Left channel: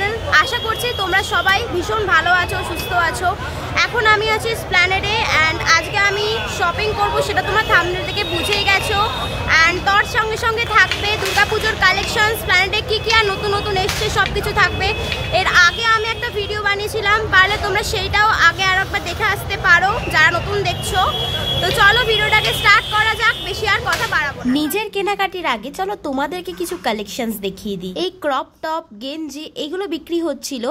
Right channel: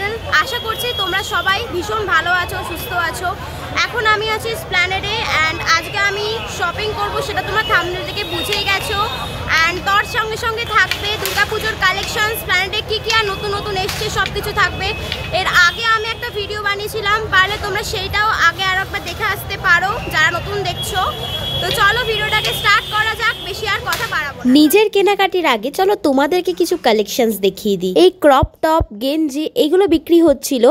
Channel. আশা করছি তোমরা সবাই ভীষণ ভালো আছো, সুস্থ আছো। এখন আমি আছি এসপ্ল্যানেডে অ্যান্ড আজকে আমি শপিং করব, সেটা তোমরা থাম্বনেল থেকে বুঝেই গেছো। অ্যান্ড তার সঙ্গে সঙ্গে থাকবে দুর্গাপুজোর কালেকশন, এসপ্ল্যানেডে কী কী আর নতুন নতুন এসছে সব কিছু থাকবে। এর আগে আমি একটা ভিডিও বানিয়েছিলাম, পারলে তোমরা সেইটাও আগে আর একবার দেখে আসতে পারো যারা নতুন দেখছো। তো চলো ভিডিওটাকে স্টার্ট করা যাক, বেশি আর কথা বাড়াবো না। নিজের কেনাকাটির আগে চলো তোমাদেরকে কিছু কালেকশনস দেখিয়ে দিই। এই ক্রপ টপ, গেঞ্জি এগুলো বিক্রি হচ্ছিল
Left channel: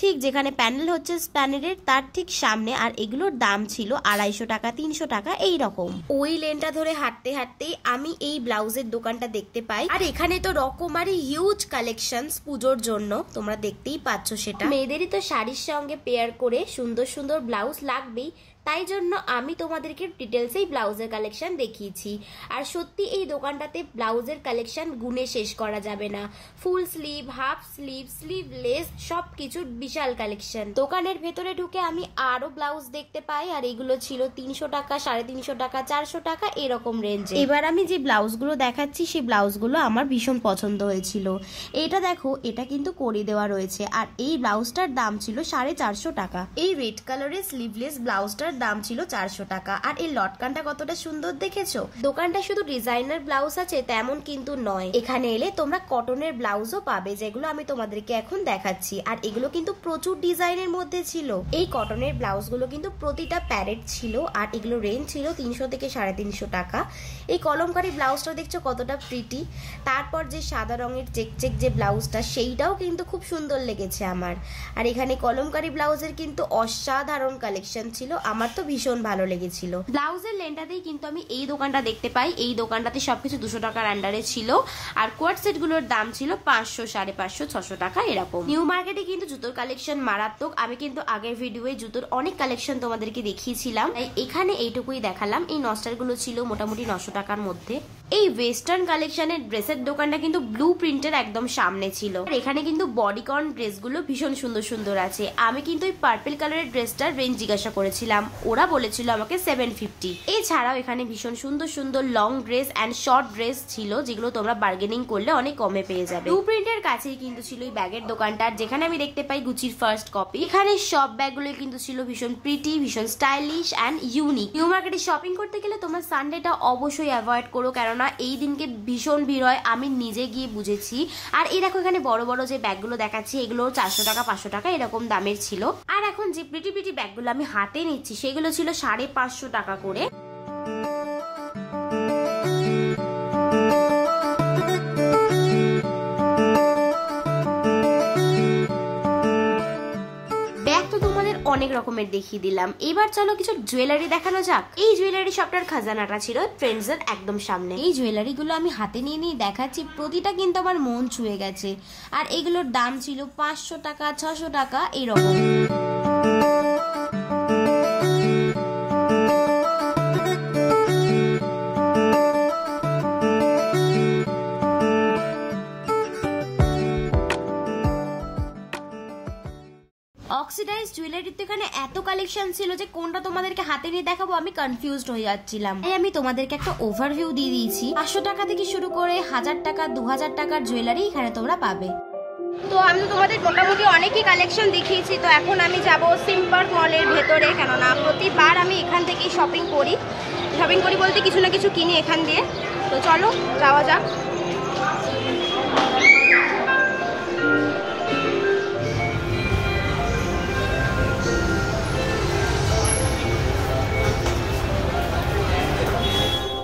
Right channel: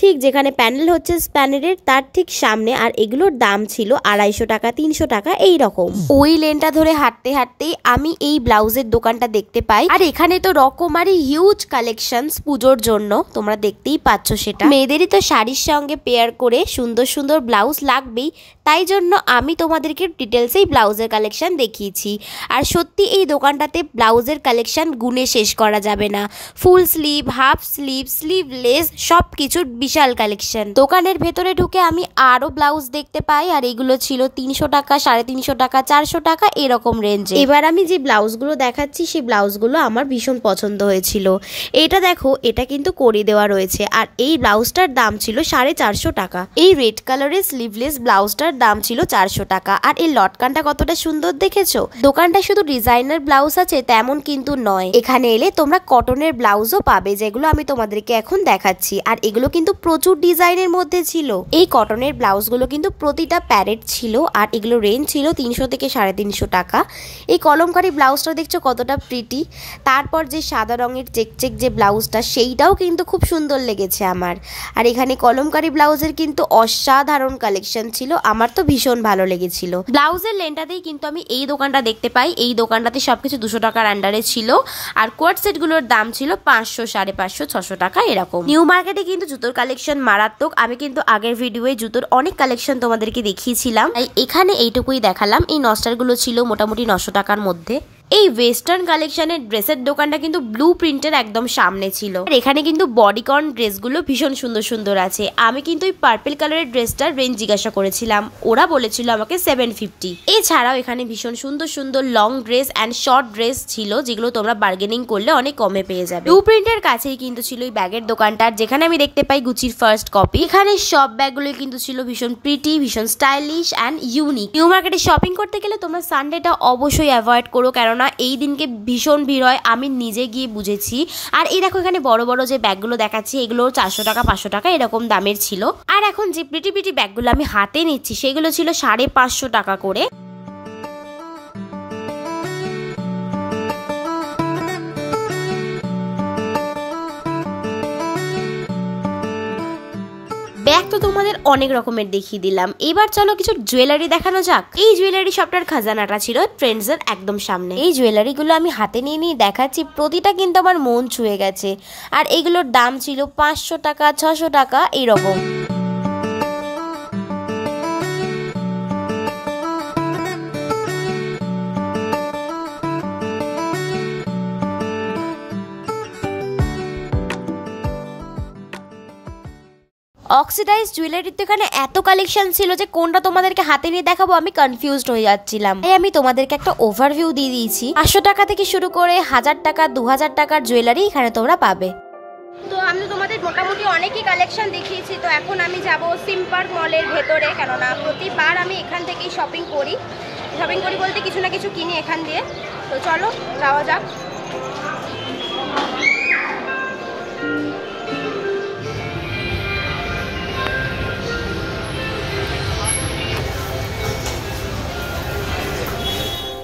ঠিক যেখানে প্যানেল হচ্ছে এসপ্ল্যানেডের তার ঠিক সামনে, আর এগুলোর দাম ছিল 250 টাকা 300 টাকা এই রকম। ওই লেনটা ধরে হাঁটতে হাঁটতেই আমি এই ব্লাউজের দোকানটা দেখতে পাই, আর এখানে তো রকমারি হিউজ কালেকশনস পুজোর জন্য, তোমরা দেখতেই পাচ্ছ সেটা। মেয়েদেরই তো শাড়ির সঙ্গে পেয়ার করে সুন্দর সুন্দর ব্লাউজ লাগবেই, তাই জন্য আমি তোমাদেরকে ডিটেলসে এই ব্লাউজের কালেকশন দেখিয়েছি। আর সত্যি এই দোকানটাতে ব্লাউজের কালেকশন গুনে শেষ করা যাবে না। Full sleeve, half sleeve, sleeveless সব কিছুর বিশাল কালেকশন। দোকানের ভেতরে ঢুকে আমি আরো ব্লাউজ দেখতে পাই, আর এগুলো ছিল 300 টাকা, 350 টাকা, 400 টাকা এরকম রেঞ্জে। এবার আমি যে ব্লাউজগুলো দেখাচ্ছি সেই ব্লাউজগুলো আমার ভীষণ পছন্দ হয়েছিল। এটা দেখো, এটা কিন্তু করি দেওয়া রয়েছে, আর এই ব্লাউজটার দাম ছিল 450 টাকা। এই রেড কালারের স্লিভলেস ব্লাউজটার দাম ছিল 400 টাকা। আর এই লটকানটা কতটা সুন্দর দেখেছো। দোকানটা শুধু ডিজাইনার ব্লাউজ আছে তেমন কিন্তু নয়, এখানে এলে তোমরা কটনের ব্লাউজও পাবে, যেগুলো আমি তোমাদেরকে এখন দেখাচ্ছি। আর এগুলো কিন্তু প্রচুর ডিজাইনের মধ্যে ছিল। এই কটনের ব্লাউজগুলো কিন্তু প্রতিটা প্যারেট ছিল, আর এগুলো রেঞ্জ ছিল 300 থেকে 350 টাকা। এই কলমকারি ব্লাউজটা দেখছো কতটা প্রিটি। তারপর যে সাদা রঙের চেক যে ব্লাউজটা, সেইটাও কিন্তু খুব সুন্দর লেগেছে আমার। আর এখানে কলমকারি ব্লাউজের কিন্তু অসাধারণ কালেকশন ছিল, আমার তো ভীষণ ভালো লেগেছিল। ব্লাউজের লেনটাতেই কিন্তু আমি এই দোকানটা দেখতে পাই। এই দোকানটাতে সবকিছু 200 টাকার আন্ডারে ছিল, আর কোয়ার্ট সেটগুলোর দাম ছিল 500, 550, 600 টাকা এরকম। নিউ মার্কেটে কিন্তু জুতোর কালেকশন মারাত্মক। আমি কিন্তু আগের ভিডিওয়ে জুতোর অনেক কালেকশন তোমাদেরকে দেখিয়েছিলাম, তাই এখানে এইটুকুই দেখালাম। এই নস্টারগুলো ছিল মোটামুটি 900 টাকার মধ্যে। এই ওয়েস্টার্ন কালেকশনের ড্রেসের দোকানটা কিন্তু ব্লু প্রিন্টের একদম সামনে ছিল, আর এখানে কিন্তু বডিকন ড্রেসগুলো ভীষণ সুন্দর সুন্দর আছে। আমি কিন্তু ওই পার্পল কালারের ড্রেসটার রেঞ্জ জিজ্ঞাসা করেছিলাম, ওরা বলেছিল আমাকে 750। এছাড়াও এখানে ভীষণ সুন্দর সুন্দর long dress and short dress ছিল, যেগুলো তোমরা বার্গেনিং করলে অনেক কমে পেয়ে যাবে। ব্লু প্রিন্টের কাছেই কিন্তু ছিল এই ব্যাগের দোকানটার, যেখানে আমি দেখতে পাই গুচির ফার্স্ট কপি। এখানে সব ব্যাগগুলো কিন্তু ছিল ভীষণ প্রিটি, ভীষণ স্টাইলিশ অ্যান্ড ইউনিক। নিউ মার্কেটে শপিং করতে গেলে তোমরা সানডেটা অবশ্যই অ্যাভয়েড করো, কেননা এই দিনকে ভীষণ ভিড় হয়, আমি নিজে গিয়ে বুঝেছি। আর এই দেখো, এখানে বড় বড় যে ব্যাগগুলো দেখাচ্ছি এগুলো 400 টাকা 500 টাকা এরকম দামের ছিল। আর এখন যে প্রিটি প্রিটি ব্যাগগুলো আমি হাতে নিচ্ছি সেগুলো ছিল 550 টাকা করে। ব্যাগ তো তোমাদের অনেক রকমের দেখিয়ে দিলাম, এবার চলো কিছু জুয়েলারি দেখানো যাক। এই জুয়েলারি শপটার খাজানাটা ছিল ট্রেন্ডসের একদম সামনে। এই জুয়েলারিগুলো আমি হাতে নিয়ে নিয়ে দেখাচ্ছি, প্রতিটা কিন্তু আমার মন ছুঁয়ে গেছে। আর এগুলোর দাম ছিল 500 টাকা, 600 টাকা এইরকম। অক্সিডাইজ জুয়েলারির তো এখানে এত কালেকশন ছিল যে কোনটা তোমাদেরকে হাতে নিয়ে দেখাবো আমি কনফিউজড হয়ে যাচ্ছিলাম। তাই আমি তোমাদেরকে একটা ওভারভিউ দিয়ে দিয়েছি। 500 টাকা থেকে শুরু করে 1000 টাকা 2000 টাকার জুয়েলারি এখানে তোমরা পাবে। তো আমি তো তোমাদের মোটামুটি অনেকই কালেকশন দেখিয়েছি। তো এখন আমি যাব সিমপার্ক মলের ভেতরে, কেননা প্রতিবার আমি এখান থেকেই শপিং করি বলতে কিছু না কিছু কিনি এখান দিয়ে। তো চলো যাওয়া যাক।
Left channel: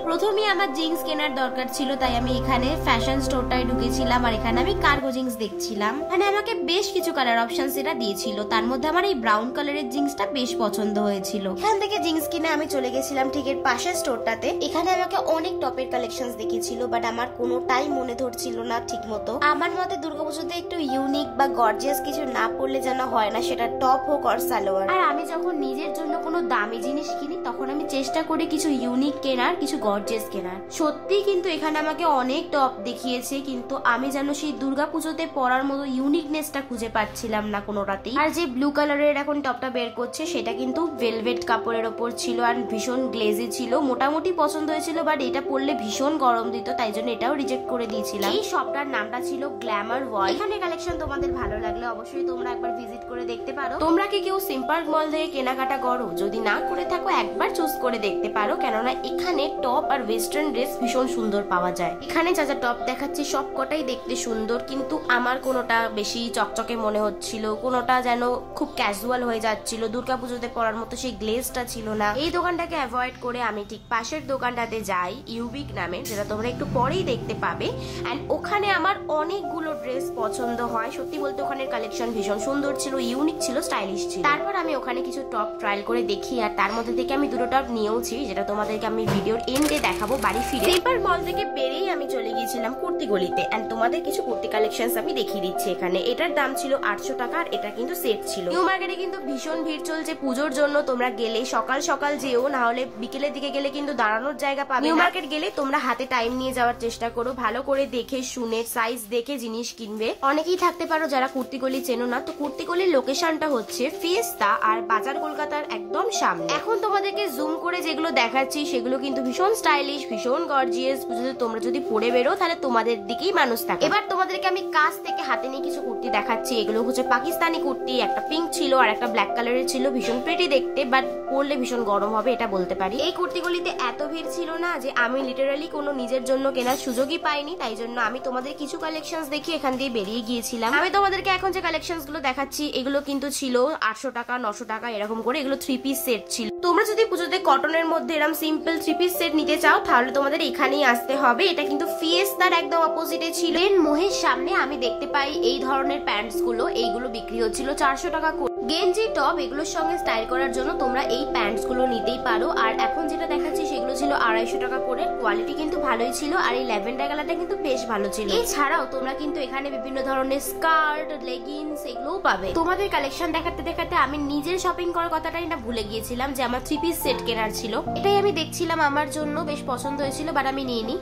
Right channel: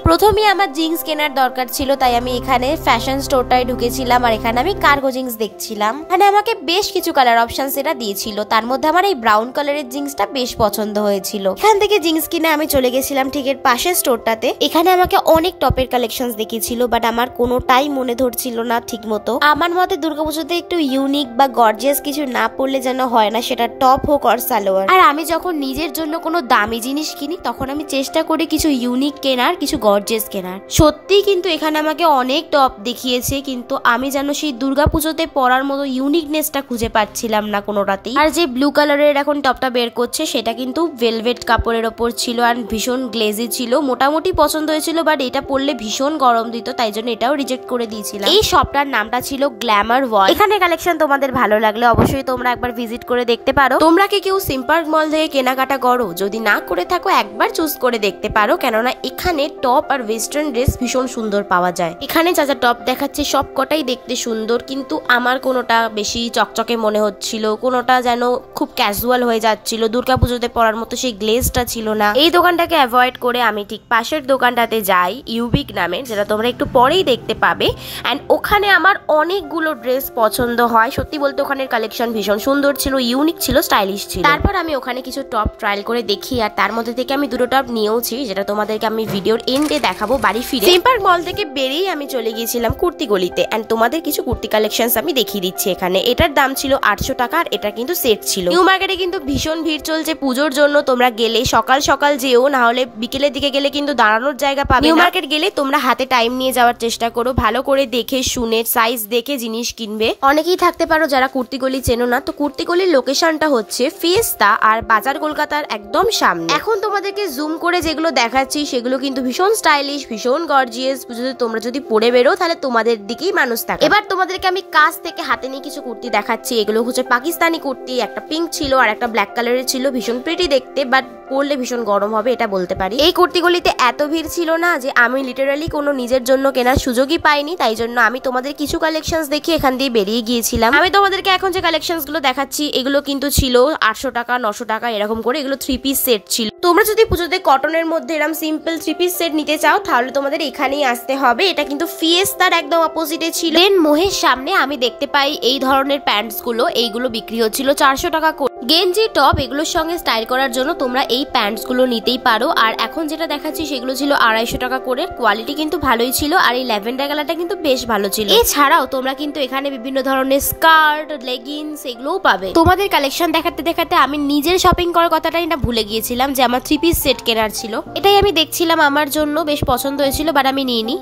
প্রথমে আমার জিন্স কেনার দরকার ছিল, তাই আমি এখানে ফ্যাশন স্টোরটায় ঢুকেছিলাম, আর এখানে আমি কার্গো জিন্স দেখছিলাম। এখানে আমাকে বেশ কিছু কালার অপশনস এটা দিয়েছিল, তার মধ্যে আমার এই ব্রাউন কালারের জিন্সটা বেশ পছন্দ হয়েছিল। এখান থেকে জিন্স কিনে আমি চলে গেছিলাম ঠিক এর পাশের স্টোরটাতে। এখানে আমাকে অনেক টপের কালেকশনস দেখিয়েছিল, বাট আমার কোনোটাই মনে ধরছিল না ঠিক মতো। আমার মতে দুর্গাপুজোতে একটু ইউনিক বা গর্জিয়াস কিছু না পড়লে যেন হয় না, সেটা টপ হোক আর সালোয়ার। আর আমি যখন নিজের জন্য কোনো দামি জিনিস কিনি তখন আমি চেষ্টা করি কিছু ইউনিক কেনার, কিছু গর্জিয়াস পারচেজ কেনার। সত্যি কিন্তু এখানে আমাকে অনেক টপ দেখিয়েছে, কিন্তু আমি যেন সেই দুর্গাপুজোতে পরার মতো ইউনিকনেসটা খুঁজে পাচ্ছিলাম না কোনোটাতেই। আর যে ব্লু কালারের এখন টপটা বের করছে সেটা কিন্তু ভেলভেট কাপড়ের ওপর ছিল আর ভীষণ গ্লেজি ছিল, মোটামুটি পছন্দ হয়েছিল, বাট এটা পরলে ভীষণ গরম দিত, তাই জন্য এটাও রিজেক্ট করে দিয়েছিলাম। এই শপটার নামটা ছিল গ্ল্যামার ওয়াল। এখানে কালেকশন তোমাদের ভালো লাগলে অবশ্যই তোমরা একবার ভিজিট করে দেখতে পারো। তোমরা কি কেউ সিম্পার্ক মল থেকে কেনাকাটা করো? যদি না করে থাকো একবার চুজ করে দেখতে পারো, কেননা এখানে টপ আর ওয়েস্টার্ন ড্রেস ভীষণ সুন্দর পাওয়া যায়। এখানে যা যা টপ দেখাচ্ছে সব কটাই দেখতে সুন্দর, কিন্তু আমার কোনোটা বেশি চকচকে মনে হচ্ছিল, কোনোটা যেন খুব ক্যাজুয়াল হয়ে যাচ্ছিল, দুর্গাপুজোতে পরার মতো সেই গ্লেজটা ছিল না। এই দোকানটাকে অ্যাভয়েড করে আমি ঠিক পাশের দোকানটাতে যাই, ইউবিক নামে, যেটা তোমরা একটু পরেই দেখতে পাবে। অ্যান্ড ওখানে আমার অনেকগুলো ড্রেস পছন্দ হয়। সত্যি বলতে ওখানের কালেকশন ভীষণ সুন্দর ছিল, ইউনিক ছিল, স্টাইলিশ ছিল। তারপর আমি ওখানে কিছু টপ ট্রায়াল করে দেখি, আর তার মধ্যে থেকে আমি দুটো টপ নিয়েওছি, যেটা তোমাদেরকে আমি ভিডিওর এন্ডে দেখাবো বাড়ি ফিরে। সিম্পার্ক মল থেকে বেরিয়ে আমি চলে গিয়েছিলাম কুর্তি গলিতে, অ্যান্ড তোমাদের কিছু কুর্তি কালেকশনস আমি দেখিয়ে দিচ্ছি এখানে। এটার দাম ছিল 800 টাকা, আর এটা কিন্তু সেট ছিল। নিউ মার্কেটে কিন্তু ভীষণ ভিড় চলছে পুজোর জন্য, তোমরা গেলে সকাল সকাল যেও, না হলে বিকেলের দিকে গেলে কিন্তু দাঁড়ানোর জায়গা পাবে। নিউ মার্কেট গেলে তোমরা হাতে টাইম নিয়ে যাওয়ার চেষ্টা করো, ভালো করে দেখে শুনে সাইজ দেখে জিনিস কিনবে। অনেকেই থাকতে পারো যারা কুর্তি গলি চেনো না, তো কুর্তি গলির লোকেশনটা হচ্ছে ফিয়েস্তা আর বাজার কলকাতার একদম সামনে। এখন তোমাদেরকে জুম করে যেগুলো দেখাচ্ছি সেগুলো কিন্তু ভীষণ স্টাইলিশ, ভীষণ গর্জিয়াস। তোমরা যদি পরে বেরো তাহলে তোমাদের দিকেই মানুষ থাকে। এবার তোমাদেরকে আমি কাছ থেকে হাতে নিয়ে কিছু কুর্তি দেখাচ্ছি। এগুলো হচ্ছে পাকিস্তানি কুর্তি, একটা পিঙ্ক ছিল আর একটা ব্ল্যাক কালারের ছিল, ভীষণ প্রিটি দেখতে, বাট পরলে ভীষণ গরম হবে এটা বলতে পারি। এই কুর্তিগুলিতে এত ভিড় ছিল না যে আমি লিটারালি কোনো নিজের জন্য কেনার সুযোগই পাইনি, তাই জন্য আমি তোমাদের কিছু কালেকশনস দেখি এখান দিয়ে বেরিয়ে গিয়েছিলাম। আমি তোমাদেরকে এখন যে কালেকশনস গুলো দেখাচ্ছি এগুলো কিন্তু ছিল 800 টাকা 900 টাকা এরকম করে। এগুলো 3 পিস সেট ছিল। তোমরা যদি পুজোতে কটনের মধ্যে এরকম সিম্পল 3 পিস সেট নিতে চাও তাহলে তোমাদের এখানেই আসতে হবে। এটা কিন্তু ফিয়েস্তার একদম অপোজিটে ছিল। দেন মোহের সামনে আমি দেখতে পাই এই ধরনের প্যান্টস গুলো, এইগুলো বিক্রি হচ্ছিল 400 টাকা করে। গেঞ্জি টপ এগুলোর সঙ্গে স্টাইল করার জন্য তোমরা এই প্যান্টস গুলো নিতেই পারো। আর এখন যেটা দেখাচ্ছি সেগুলো ছিল 250 টাকা করে। কোয়ালিটি কিন্তু ভালোই ছিল, আর এই ল্যাভেন্ডার কালারটা কিন্তু বেশ ভালো ছিল। এছাড়াও তোমরা কিন্তু এখানে বিভিন্ন ধরনের স্কার্ট, লেগিংস এগুলোও পাবে। তোমাদের কালেকশন দেখাতে দেখাতে আমি নিজের শপিং করার কথাটাই না ভুলে গিয়েছিলাম যে আমার 3 পিস সেট কেনার ছিল। এটাই আমি দেখছিলাম, আমার জন্য বেশ পছন্দ হয়েছিল, বাট আমি নিইনি।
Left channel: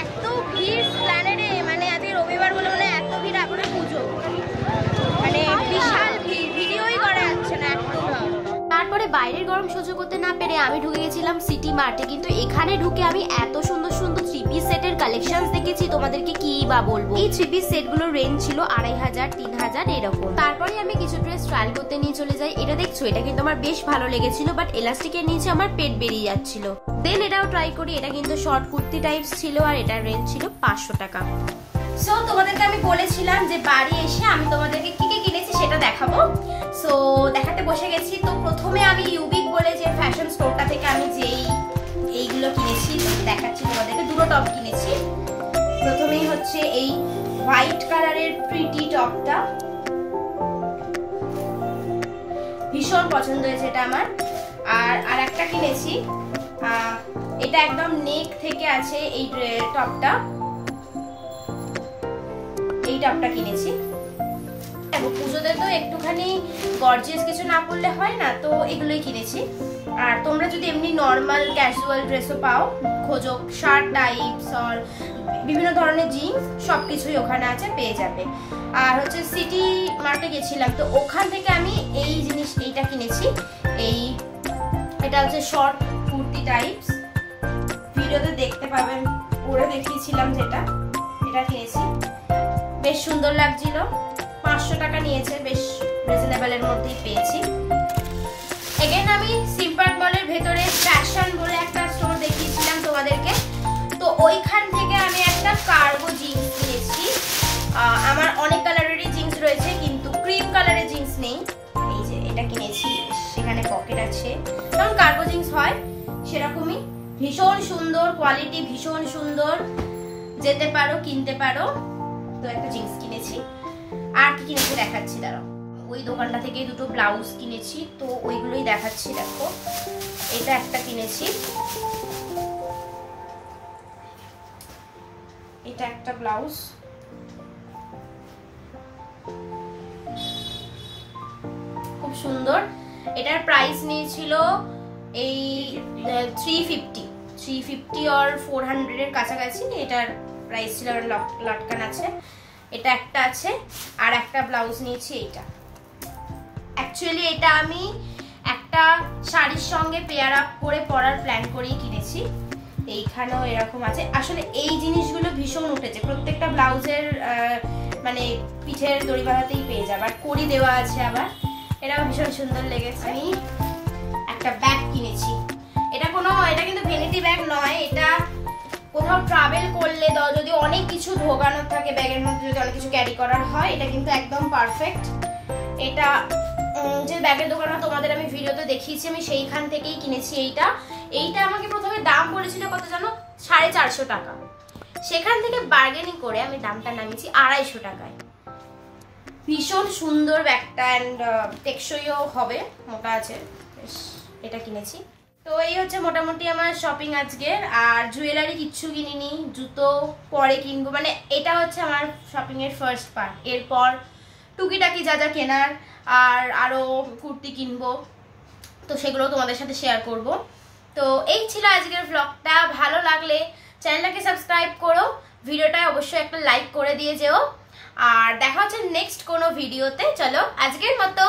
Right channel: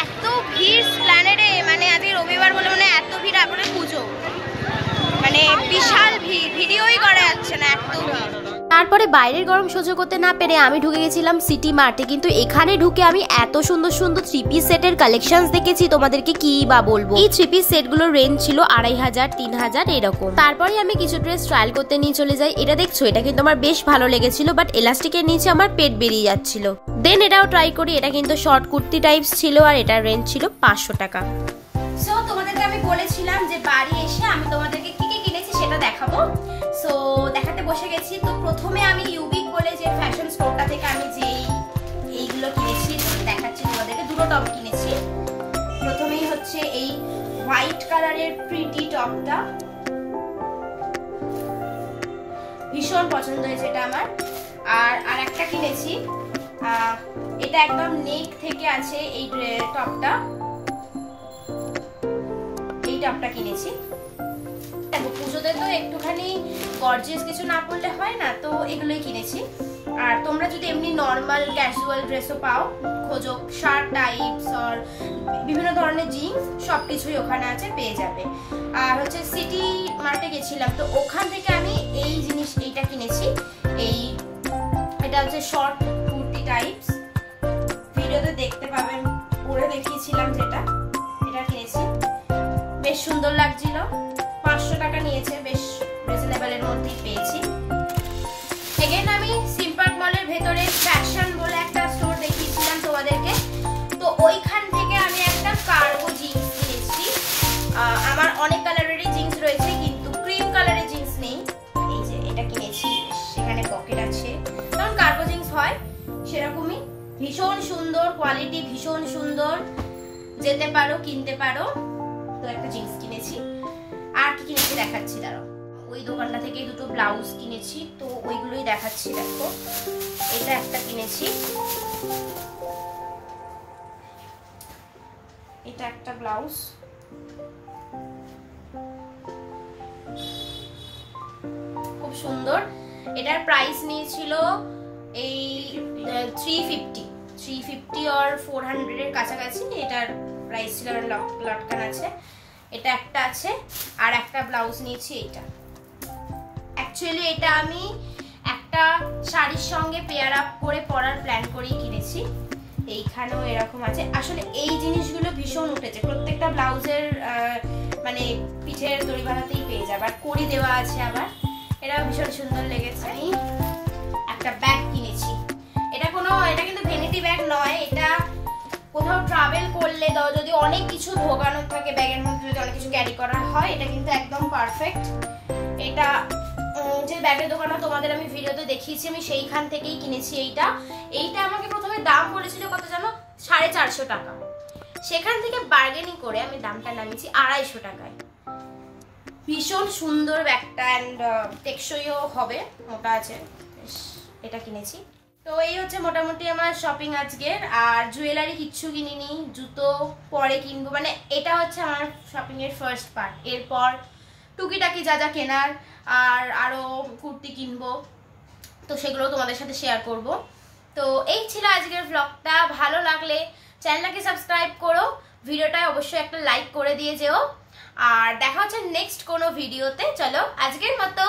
এত ভিড় প্ল্যানেটে, মানে আজকে রবিবার বলে মানে এত ভিড়, আপনার পুজো মানে বিশাল ভিড়, ভিডিওই করা যাচ্ছে না, এত ভিড়। তারপরে বাইরের গরম সহ্য করতে না পেরে আমি ঢুকে গেছিলাম সিটি মার্টে। কিন্তু এখানে ঢুকে আমি এত সুন্দর সুন্দর 3 পিস সেটের কালেকশনস দেখেছি, তোমাদেরকে কি বা বলবো। এই 3 পিস সেট গুলোর রেঞ্জ ছিল 2500 3000 এরকম। তারপরে আমি কিছু ড্রেস ট্রায়াল করতে নিয়ে চলে যাই। এটা দেখছো, এটা কিন্তু আমার বেশ ভালো লেগেছিল, বাট এলাস্টিকের নিচে আমার পেট বেরিয়ে যাচ্ছিল। দেন এটাও ট্রাই করি। এটা কিন্তু শর্ট কুর্তি টাইপস ছিল, আর এটার রেঞ্জ ছিল 500 টাকা। সো তোমাদেরকে আমি বলেছিলাম যে বাড়ি এসে আমি তোমাদেরকে কি কি কিনেছি সেটা দেখাবো। সো দেখাতে বসে গেছি। তো প্রথমে আমি ইউবিক বলে যে ফ্যাশন স্টোরটা থেকে আমি এইগুলো কিনেছি, তো দেখাচ্ছি তোমাদেরকে। দুটো টপ কিনেছি। প্রথমেই হচ্ছে এই হোয়াইট কালারের প্রিটি টপটা, ভীষণ পছন্দ হয়েছে এটা আমার। আর একটা কিনেছি, এটা একদম নেক থেকে আছে এই টপটা, এই টপটা কিনেছি। পুজোতে তো একটুখানি গর্জিয়াস কিছু না পরলে হয় না, তো এগুলোই কিনেছি। আর তোমরা যদি এমনি নর্মাল ক্যাজুয়াল ড্রেসও পাও, খোঁজো শার্ট টাইপস আর বিভিন্ন ধরনের জিন্স, সবকিছুই ওখানে আছে, পেয়ে যাবে। আর হচ্ছে সিটি মার্টে গেছিলাম, তো ওখান থেকে আমি এইটা কিনেছি। এটা হচ্ছে শর্ট কুর্তি টাইপস, ভিডিওতে দেখতে পাবেন, পরে দেখিয়েছিলাম যেটা, এটা কিনেছি। বেশ সুন্দর লাগছিল, 500 টাকা নিয়েছে, বেশ রিজনেবলের মধ্যেই পেয়েছি। এগেন আমি সিম্পার্ক মলের ভেতরে ফ্যাশন বলে একটা স্টোর দেখিয়েছিলাম তোমাদেরকে, তো ওইখান থেকে আমি একটা কার্গো জিন্স কিনেছি। আমার অনেক কালারেরই জিন্স রয়েছে, কিন্তু ক্রিম কালারের জিন্স নেই। এই যে এটা কিনেছি, সেখানে পকেট আছে, কারণ কার্গো জিন্স হয় সেরকমই। ভীষণ সুন্দর কোয়ালিটি, ভীষণ সুন্দর, যেতে পারো, কিনতে পারো। তো একটা জিন্স কিনেছি। আর কি কিনেছি দেখাচ্ছি, দাঁড়াও। ওই দোকানটা থেকে দুটো ব্লাউজ কিনেছি, তো ওইগুলোই দেখাচ্ছি। দেখো, এটা একটা কিনেছি, এটা একটা ব্লাউজ, খুব সুন্দর। এটার প্রাইস নিয়েছিল এই 350। 350 or 400 এর কাছাকাছি। এটার প্রাইস ছিল, লটকান আছে, এটা একটা আছে, আর একটা ব্লাউজ নিয়েছি এইটা। অ্যাকচুয়ালি এটা আমি একটা শাড়ির সঙ্গে পেয়ার আপ করে পরার প্ল্যান করেই কিনেছি। এইখানেও এরকম আছে। আসলে এই জিনিসগুলো ভীষণ উঠেছে, প্রত্যেকটা ব্লাউজের মানে পিঠের দড়ি বাঁধাতেই পেয়ে যাবে, আর কড়ি দেওয়া আছে আবার, এটাও ভীষণ সুন্দর লেগেছে। আমি একটা ব্যাগ কিনেছি, এটা কিন্তু ভ্যানিটি ব্যাগ নয়, এটা কোথাও ট্রাভেল করলে যদি অনেক কিছু ঢোকানোর থাকে ব্যাগের মধ্যে, যদি অনেক কিছু ক্যারি করার হয়, এটা কিন্তু একদম পারফেক্ট। এটা যে ব্যাগের দোকানটা তোমাদের আমি ভিডিওতে দেখিয়েছি, আমি সেইখান থেকেই কিনেছি। এইটা আমাকে প্রথমে দাম বলেছিল কত জানো, 450 টাকা। সেখান থেকে বার্গেনিং করে আমি দামটা নামিয়েছি 250 টাকায়। ভীষণ সুন্দর ব্যাগটা, অ্যান্ড টেকসইও হবে, মোটা আছে, এটা কিনেছি। তো এই হচ্ছে মোটামুটি আমার শপিং আজকের। আর জুয়েলারি কিচ্ছু কিনিনি, জুতো পরে কিনবো, মানে এটা হচ্ছে আমার শপিং এর ফার্স্ট পার্ট। এরপর টুকিটাকি যা যা কেনার, আর আরো কুর্তি কিনবো, তো সেগুলো তোমাদের সাথে শেয়ার করব। তো এই ছিল আজকের ব্লগটা। ভালো লাগলে চ্যানেলটাকে সাবস্ক্রাইব করো, ভিডিওটায় অবশ্যই একটা লাইক করে দিয়ে যেও, আর দেখা হচ্ছে নেক্সট কোনো ভিডিওতে। চলো আজকের মতো